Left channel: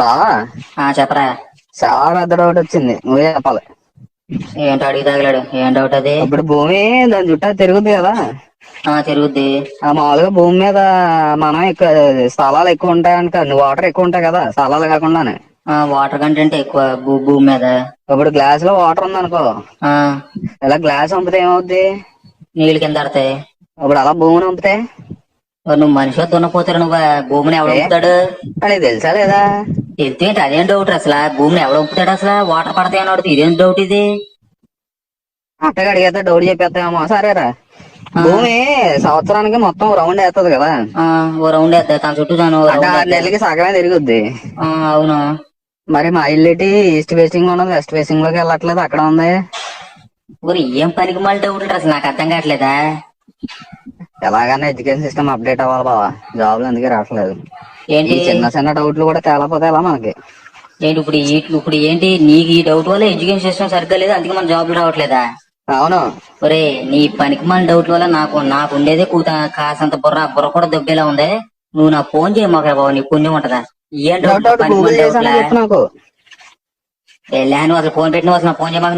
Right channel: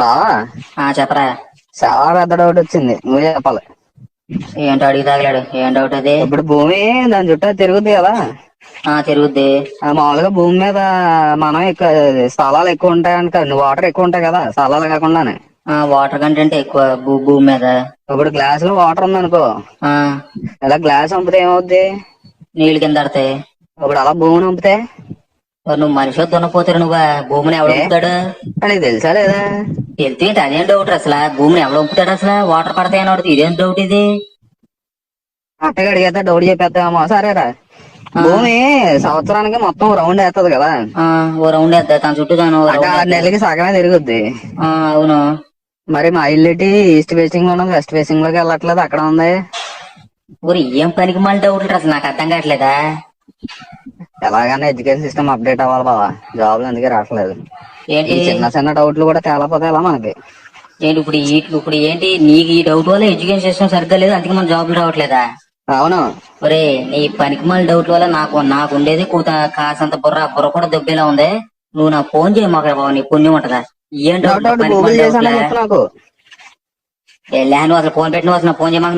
బావా, చెప్పరా. చాలా పెద్ద డౌట్ వచ్చింది, నువ్వే చెప్పాలి. ఏంటో అడిగి తగలాడు. ఏం డౌట్ అది? ఇప్పుడు భూమి దాని చుట్టూ తిరుగుద్ది కదా. తిరుగుద్ది. మామూలుగా భూమి మీద మనం స్థలాలు ఎక్కువ ఉంటాయని కాదు, వాటర్ ఎక్కువ ఉంటాయి కదా స్థలాలు కాకుండానే. వాటర్ కంటెంట్ ఎక్కువ భూమి మీద. ఇప్పుడు గ్లాస్ లో వాటర్ ఉంది అనుకో, ఆ, ఇలా గ్లాస్ వంపితే ఏమవుద్ది? నీళ్ళు కింద ఆడతాయి. ఇప్పుడు అలా భూమిని వంపితే నువ్వు మనిషిగా తున్నపోతారు. నువ్వు భూమిని ఎవడు ఏ వంపుతాడు? నీకు తెలుసా లేదా? ఎత్తేంటి? అదేం డౌట్ అసలు? భూమిని ఎవడు వంపుతాడు అసలు? వాటర్ పడతాయని అడుగుతుంది. ఇదేం డౌట్ ఇది? అట్టగా అడిగేస్తే డౌట్ చెప్పేస్తామో. సరేరా, భూమి సంవత్సరానికి మొత్తం రౌండ్ వేస్తుంది కదా. ఓ రౌండ్ వేస్తా తన చుట్టూ అంటే 6 నెలలకి సగమే తిరుగుద్ది. అవును. మరి మా ఇల్లు ఈస్ట్ ఫేసింగ్ ఉన్నది, వెస్ట్ ఫేసింగ్ లోకి వెళ్ళట్లేదు, అక్కడ ఉంది. ఊరి ఏం పనికి మళ్ళీ డౌట్లు అసలు నాకు అర్థం కావట్లేదా? ఎలాగైనా ఎడ్యుకేషన్ సిస్టమ్ అప్డేట్ అవ్వాలి బావా, జాబ్లు అందుకే రావట్లేదు. ఏంటి ఈ చిన్న చిన్న డౌట్లు కూడా తేలపోతే ఎలా మనకి? ఏంటి ఇప్పుడు ఏంటి నీకు ఈ డౌట్ వల్ల ఎడ్యుకేషన్ సిస్టమ్ సరిగ్గా లేదు, అందుకే మన జాబ్లు రావట్లేదా? అవును. ఒరే, నీ పనికి మళ్ళీ డౌట్ వల్ల నాకు ఉండేది కాసంత బుర్ర కూడా దొబ్బేలా ఉంది. నువ్వు నాకు ఫోన్ చేయమాక బాబు, నీకు పుణ్యం ఉంటదా? ఏం డౌట్? గూగుల్ చేశానని చెప్పు నాకు. నువ్వు అసలు ఫోన్ పెట్టిన అసలు ఫోన్ చేయమాక.